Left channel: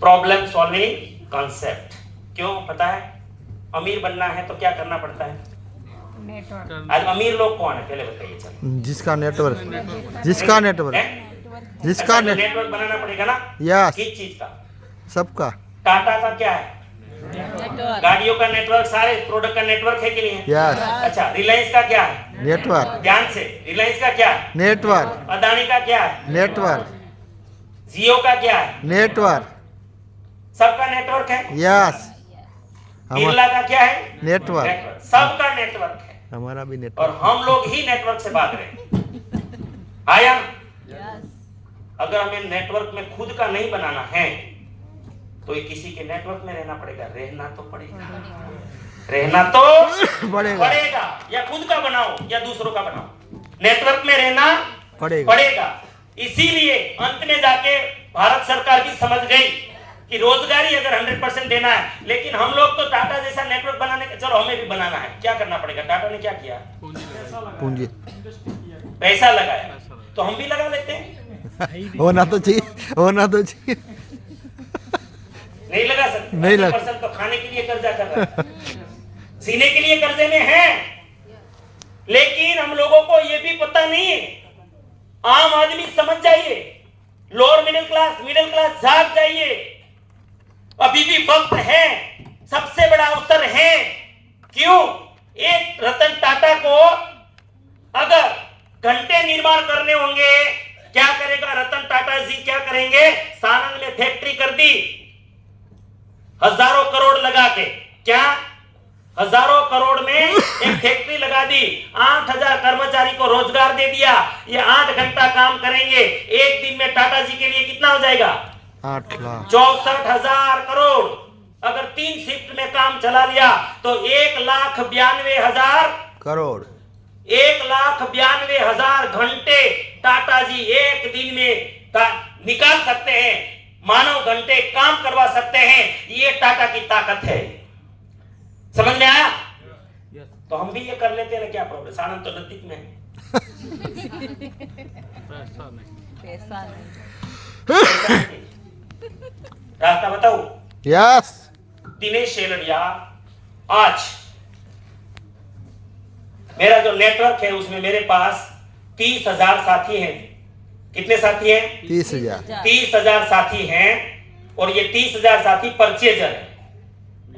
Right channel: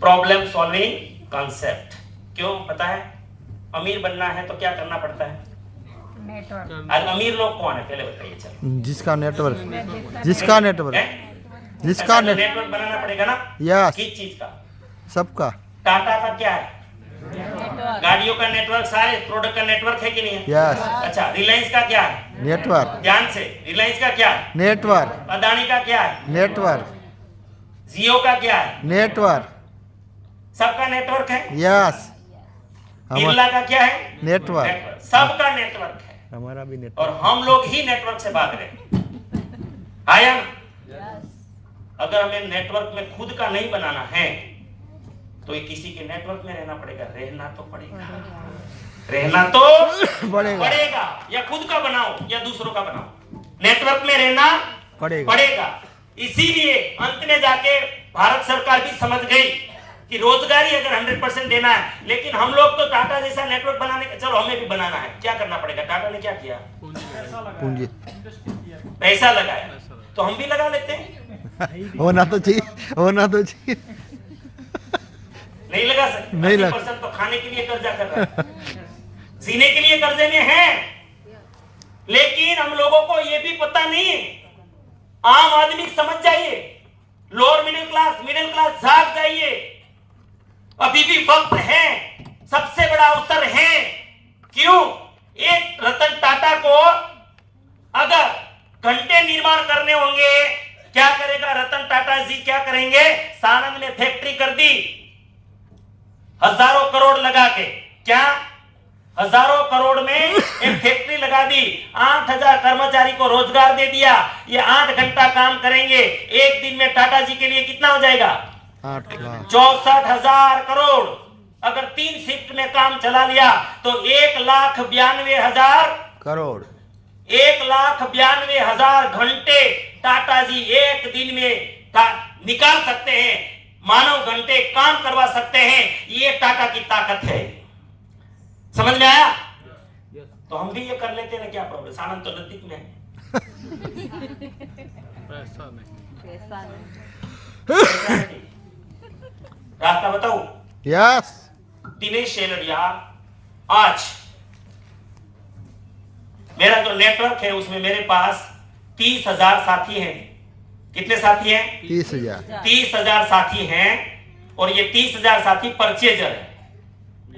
Problem solving concept. क्यों पता है? अमीर बनना है तो क्या करना पड़ता है? नेटवर्क। आज अमीर लोग कौन है पहले बताइए। चलो, जिसका नेटवर्क नेटवर्क बनाना पड़ेगा ना। यस, किस चीज का? सबका। टाटा का क्या है? नेटवर्क। गाड़ियों का नेटवर्क, सारे प्रोडक्ट का नेटवर्क है कि नहीं है? यस, अच्छा, रिलायंस का क्या है? नेटवर्क। ध्यान से, रिलायंस का क्या है? नेटवर्क। अदानी का क्या है? नेटवर्क। जियो का क्या है? नेटवर्क। सबका नेटवर्क है। यस, बिरला का क्या है? नेटवर्क। सबका नेटवर्क है। हमारा भी और नेटवर्क। हम लोग ही नेटवर्क से भाग रहे हैं। आया ना? अगर हमें नेटवर्क में खुद का नहीं बनाना है तो ये किसी के नेटवर्क में रहना पड़ेगा। रहना तो पड़ेगा। या खुद का बनाओ या दूसरों का बनाओ, नेटवर्क में रहना पड़ेगा। इसीलिए अंत में जाके भारत सरकार भी समझ गई कि रोजगारी अगर 100% देना है, लेकिन हम लोग तो टाटा जैसा नेटवर्क बनाने का, चलो हमें भी बनाना है, क्या करना पड़ेगा? टाटा ने क्या किया? पूंजी पैसा लगाया, तो हम भी लगा लेते हैं। होना तो चाहिए। नहीं लगा सकते। नहीं लगा। 80% तो खाने के लिए कर्जा कर रहा है, सीने के लिए कर्जे में है। लेकिन हम लोगों को ये भी पता नहीं है। आम आदमी समझ जाइए, लोअर मिडिल क्लास जाग जाइए। अभी भी वक्त है, सबसे बड़ा अवसर है। क्यों? एक रतन टाटा को अगर घंटे निर्माण करने होंगे, क्या करेगा रतन टाटा जी? क्या करेंगे? सानंद में फैक्ट्री कर दी, हजारों करोड़ लगा के। क्या? हजारों करोड़ में एक फैक्ट्री लगा दी, 8000 कर्मचारी को रोजगार दे दिया। ये 8 घंटा काम करेंगे। एक दिन में टाटा जी के लिए कितना हो जाएगा? 8 लाख। 64,000 करोड़। अगर 3 शिफ्ट में काम चला लिया तो 1,92,000 करोड़। 1,92,000 घंटे टाटा जी एक दिन में निकाल सकते हैं। मानव घंटे काम करवा सकते हैं। ये टाटा की ताकत है। समझ में आया? तो हम भी ये कर लेते हैं ना, क्या प्रॉब्लम? सानंद तो नजदीक में है। पैसा नहीं। रास्ता बताओ। यस, दिनेश शेलड़िया, आज मेरा जो नेटवर्क है उसमें मेरे पास 30,000 साथी हैं। कितने साथी हैं? 30,000। 30,000 साथी हैं। और ये 30,000 साथी परचेजर है।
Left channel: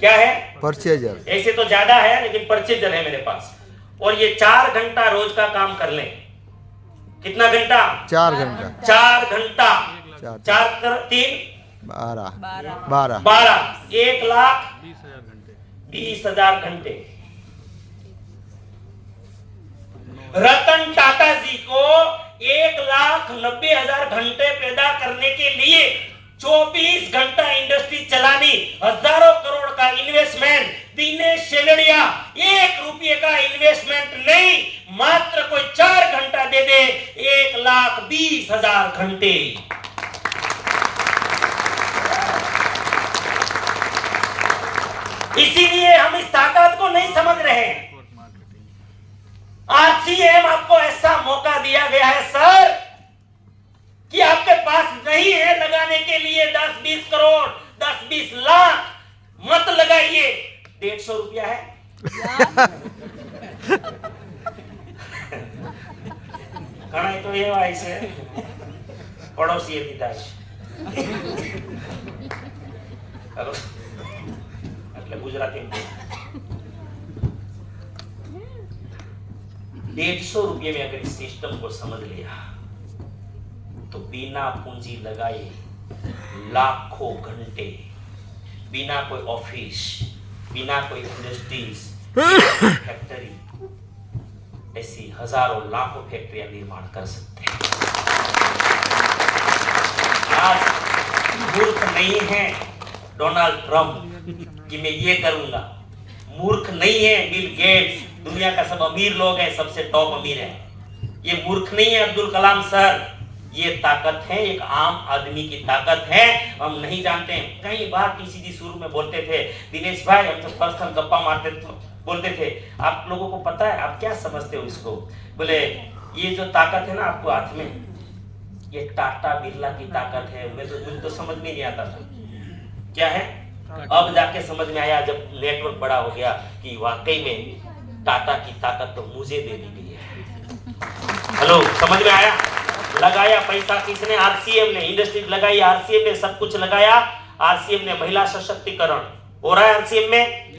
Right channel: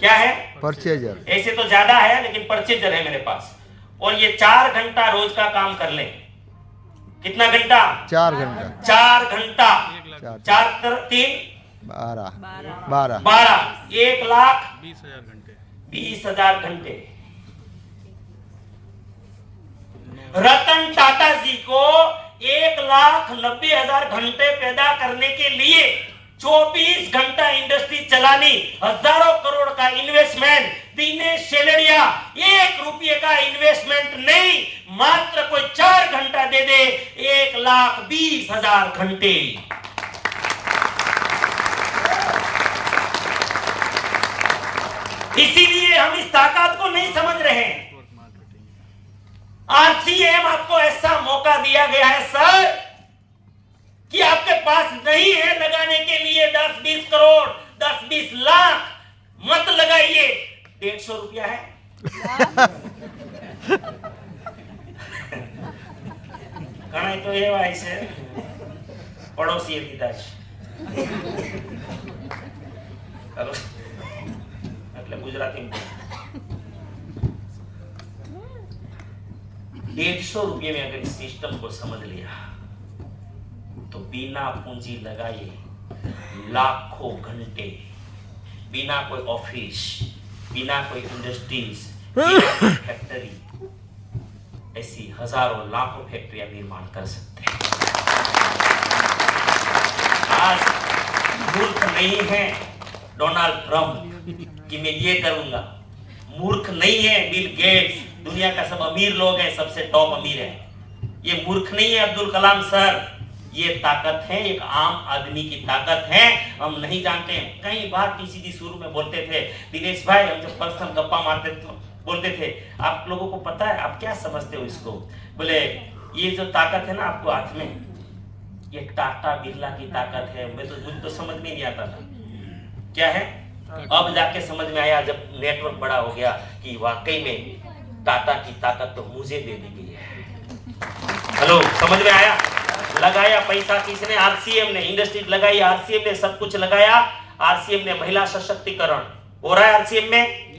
क्या है? परचेजर। ऐसे तो ज्यादा है, लेकिन परचेजर है मेरे पास। और ये 4 घंटा रोज का काम कर लें। कितना घंटा? 4 घंटा। 4 घंटा। 4 4 3 12। 1,20,000 घंटे। रतन टाटा जी को 1,90,000 घंटे पैदा करने के लिए 24 घंटा इंडस्ट्री चलानी, हजारों करोड़ का इन्वेस्टमेंट। दिनेश शेलड़िया 1 रुपये का इन्वेस्टमेंट नहीं, मात्र कोई 4 घंटा दे दे, 1,20,000 घंटे। इसीलिए हम इस ताकत को नहीं समझ रहे हैं। आरसीएम आपको ऐसा मौका दिया गया है सर कि आपके पास नहीं है लगाने के लिए 10-20 करोड़, 10-20 लाख। मत लगाइए। 150 रुपया है। घना तो ये वाई से पड़ोसी पिता हेलो એટલે ગુજરાતી 150 रुपये में अगर इस सिस्टम को समझ लिया तो बिना पूंजी लगाए लाखों घंटे, बिना कोई ऑफिस, बिना कोई इंडस्ट्रीज, फैक्ट्री, ऐसी हजारों लाखों फैक्ट्रियां निर्माण कर सकते हैं। आज मूर्ख नहीं है डोनाल्ड ट्रंप कि मैं ये करूंगा। मूर्ख नहीं है बिल गेट्स, दुनिया का सब अमीर लोग हैं, सबसे टॉप अमीर है। ये मूर्ख नहीं है अब्दुल कलाम सर। ये ताकत है, एक आम आदमी की ताकत है। हम नहीं जानते हैं। कई बार पीसीडी शुरू में बोलते थे, दिनेश भाई हम जब पर्सनल गप्पा मारते थे बोलते थे, आप लोगों को पता है, आप क्या समझते हो इसको? बोले ये जो ताकत है ना आपको हाथ में, ये टाटा बिरला की ताकत है। मैं तो मुझे तो समझ में नहीं आता था। क्या है? अब जाके समझ में आया जब नेटवर्क बड़ा हो गया कि वाकई में टाटा की ताकत तो मुझे दे दी गई है। हेलो, समझ में आया? लगाया पैसा किसने? आरसीएम ने। इंडस्ट्री लगाई आरसीएम ने, सब कुछ लगाया आरसीएम ने। महिला सशक्तिकरण हो रहा है आरसीएम में।